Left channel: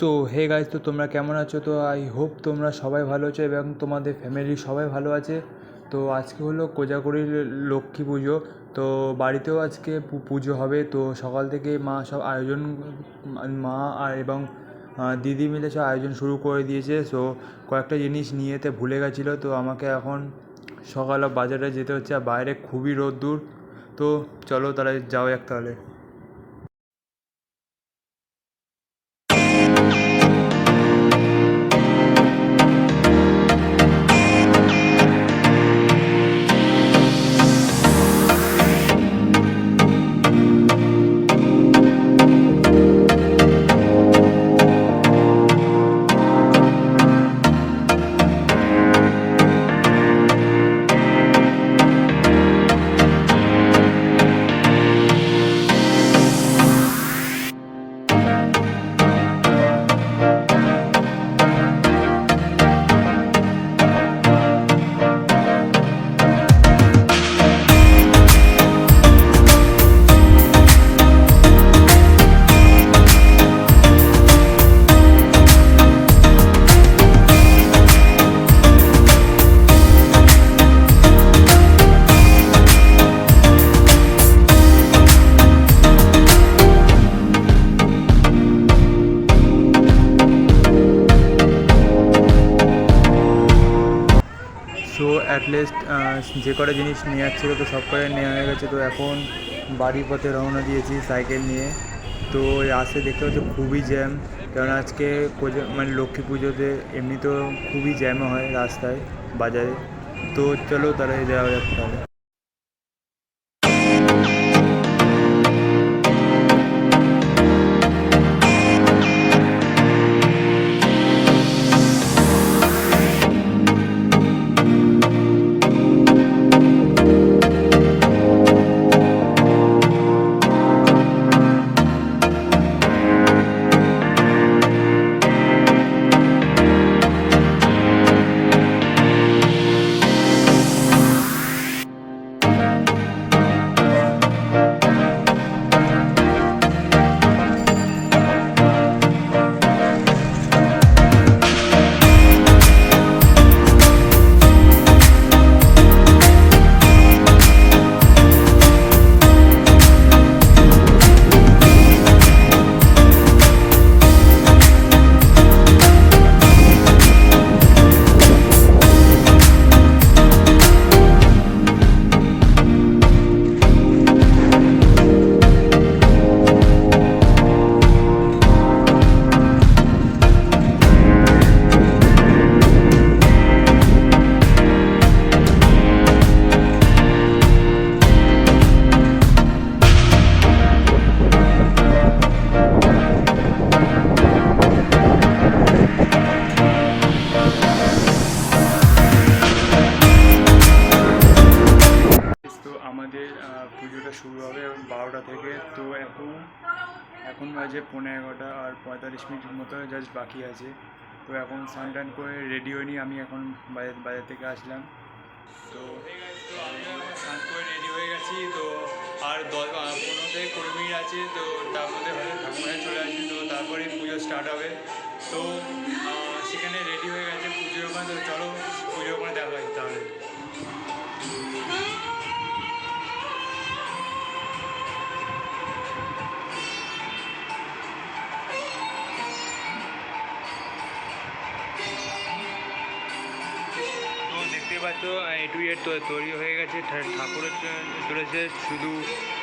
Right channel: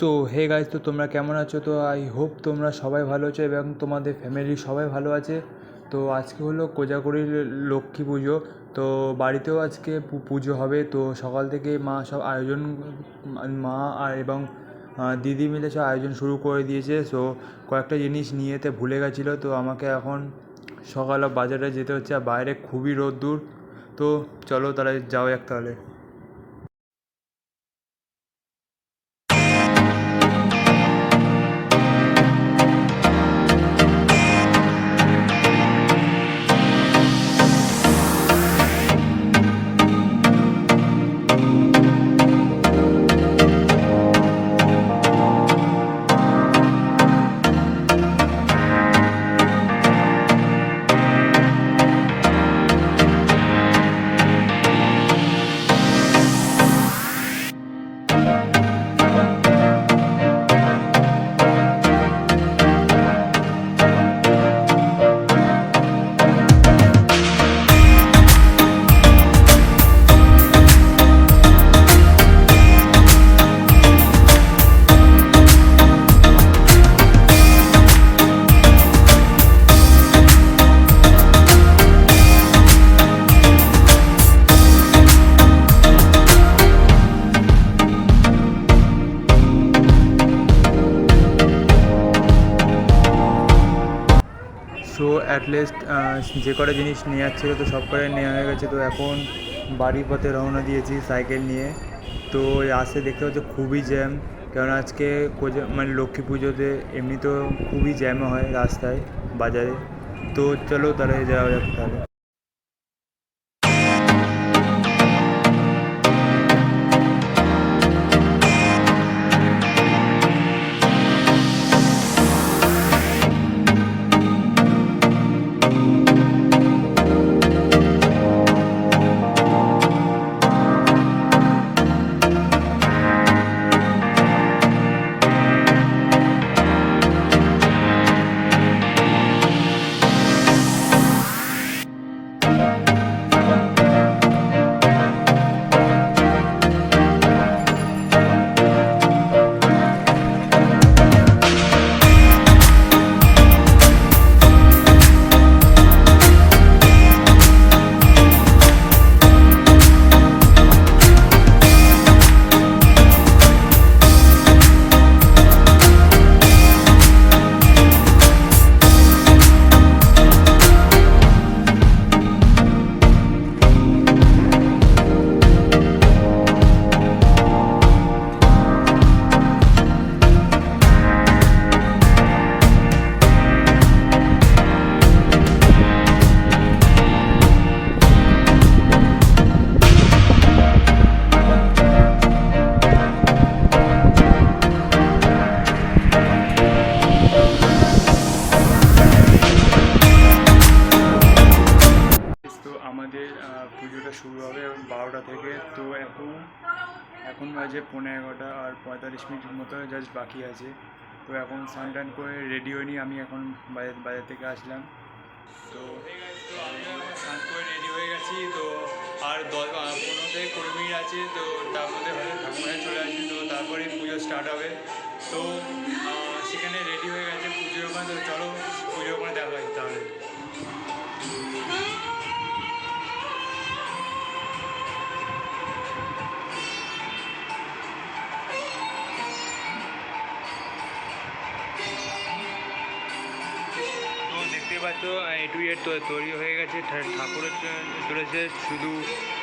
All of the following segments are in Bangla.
তো হে গাইজ তো তোমরা কেমন আছো? তো আই হোপ তোমরা সবাই ভালো আছো এবং তোমাদের ফ্যামিলির সবাই ভালো আছে। তো আজকে হলো কোজাগরির লক্ষ্মী পুজো। তো বাড়িতেও আজকে পুজো হবে। তো সকাল থেকে মা সব আয়োজন, মা আর এবং দিদি মিলে সব আয়োজন শুরু করে দিয়েছে। সো কয়েকটা জিনিস নিয়ে ভুলে গেছিল। তো আমাকে এখন সকালে বাজারে যেতে হচ্ছে। আর বাইরে খুবই রোদ্দুর। তো চলো তাহলে যাও এক তাহলে। অ্যাটলিস্ট যে কটা জিনিস নেওয়ার ছিল তো সব কটাই নেওয়া হয়ে গেছে। তো এখন বাড়ির পথে রওনা দিয়েছি সাইকেল নিয়ে। তো রাস্তায় দেখতে পাচ্ছি খুবই জ্যাম কারণ আজকে মানে লক্ষ্মী পুজোতে এমনি তো খুবই জ্যাম হয় রাস্তায়, বাজারে। তো চলো তাহলে যাওয়া যাক তাহলে। পুজোটা শুরু হবে বারোটা থেকে। তো এখন এখন বাজে পনেরো এগারোটা আর পঁয়তাল্লিশ মিনিট মতো জাস্ট বাকি আছে। তো এখন স্নান টান করে রেডি হয়নি, আমি এখন বাজার বাজার থেকে আসলাম। তো স্নান করে রেডি হয়ে গেছি। তো আর দশ পনেরো থেকে কুড়ি মিনিট আছে। তো তার মধ্যে হয়তো ঠাকুমায় চলে আসবে তো তারপরে পুজো স্টার্ট হবে। তো সেখানে রেডি হয়ে গেছে পুজোর ওখানে তো চলো পুজোর ওখানে দেখা হয় তাহলে। দেখতে পাচ্ছ এ টু এড তৈরি হয়ে গেছে। ঠাকুরের চলেছে, শুধু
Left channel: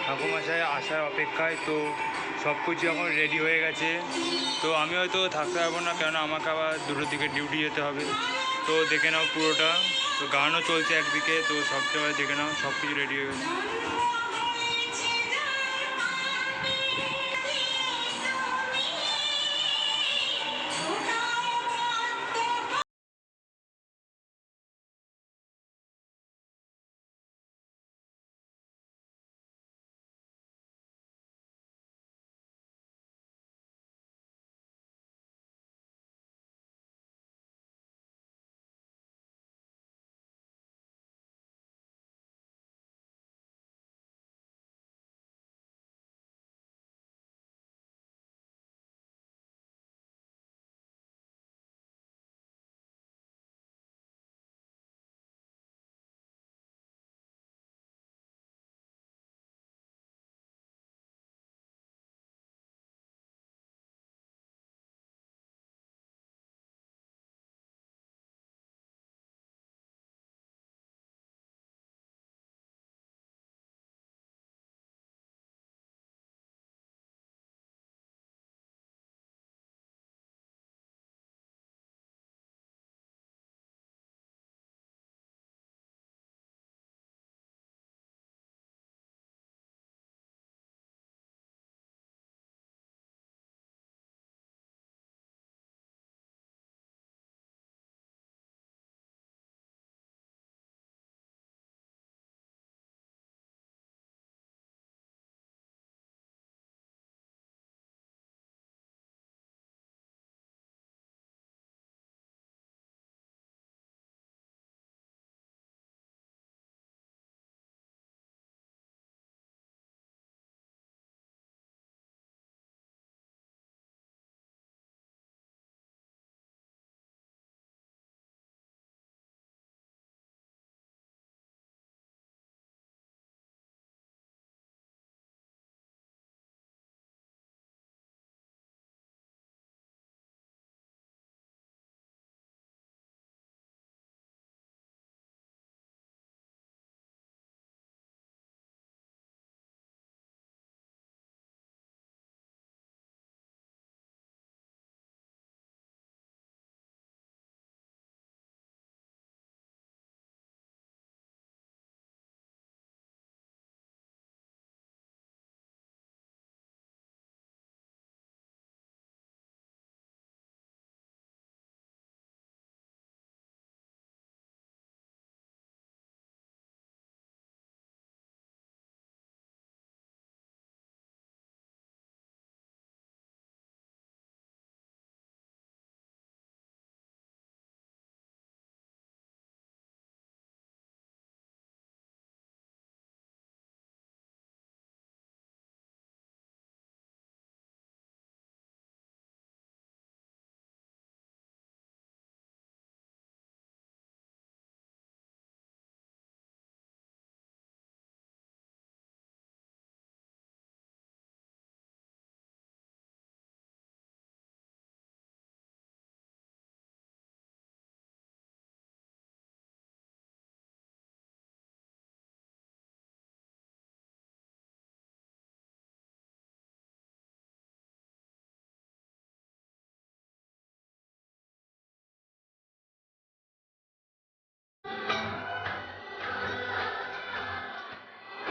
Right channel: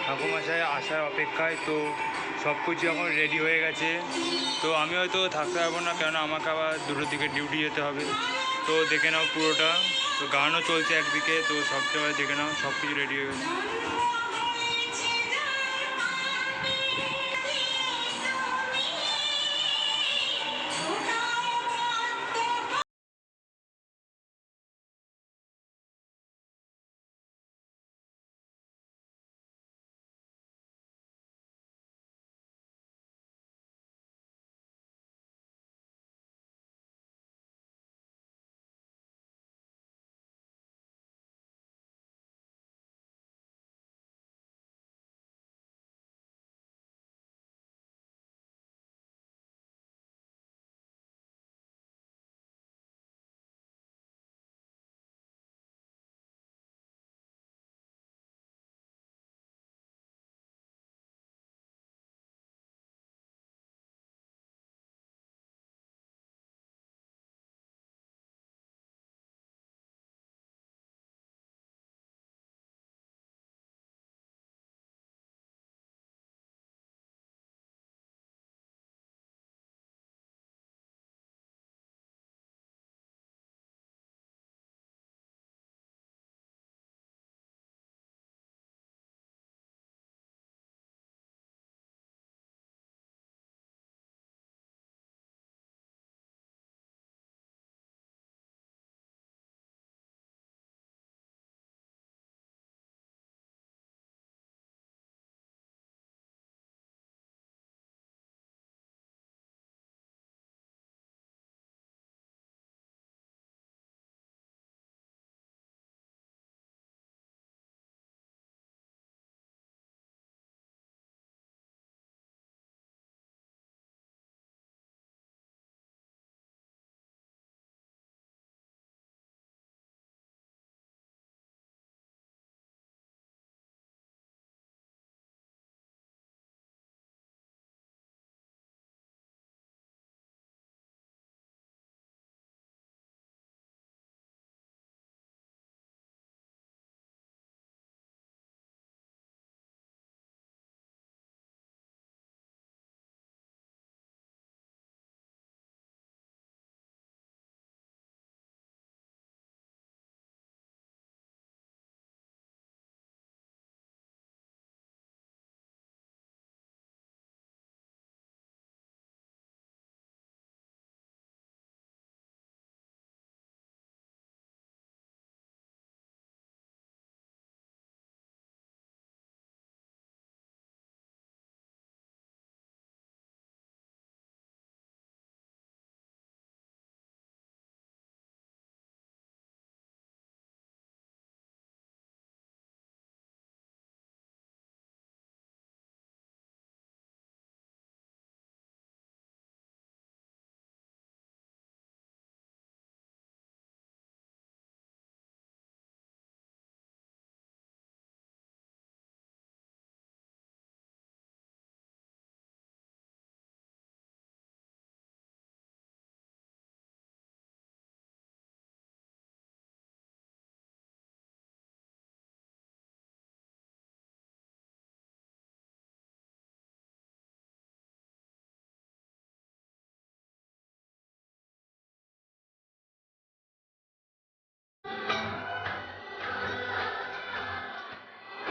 ঠাকুরমশাই আসার অপেক্ষায়। তো সব কিছু এখন রেডি হয়ে গেছে। তো আমি হয়তো থাকতে পারব না কেন আমাকে আবার দুটোর দিকে ডিউটি যেতে হবে। তো দেখে নাও পুরোটা। তো গানও চলছে একদিকে, তো সবচেয়ে দেখে নাও, সব কিছু রেডি হয়ে গেছে।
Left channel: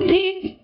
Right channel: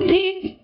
Cristo.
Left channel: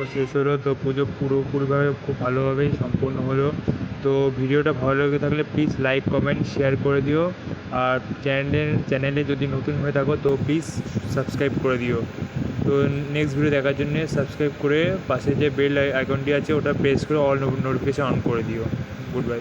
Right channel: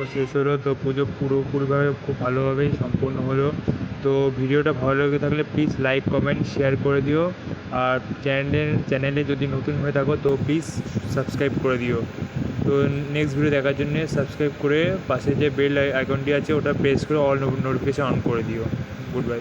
তো শেষ হলো, তো পুজো পুরোপুরিভাবে খুব ভালোভাবেই সম্পূর্ণ হলো। তো ভিডিওটা ভালো লেগে থাকলে প্লিজ লাইক কমেন্ট শেয়ার করে দিও। আর চ্যানেলে চ্যানেলে যদি নতুন হয়ে থাকো, তো প্লিজ সাবস্ক্রাইব করে দিও। তো নেক্সট ভিডিও দেখার জন্য সাবস্ক্রাইব করে পাশে যে বেল আইকনটি আছে, ওটা প্রেস করে অল নোটিফিকেশান অন করে দিও। Good bye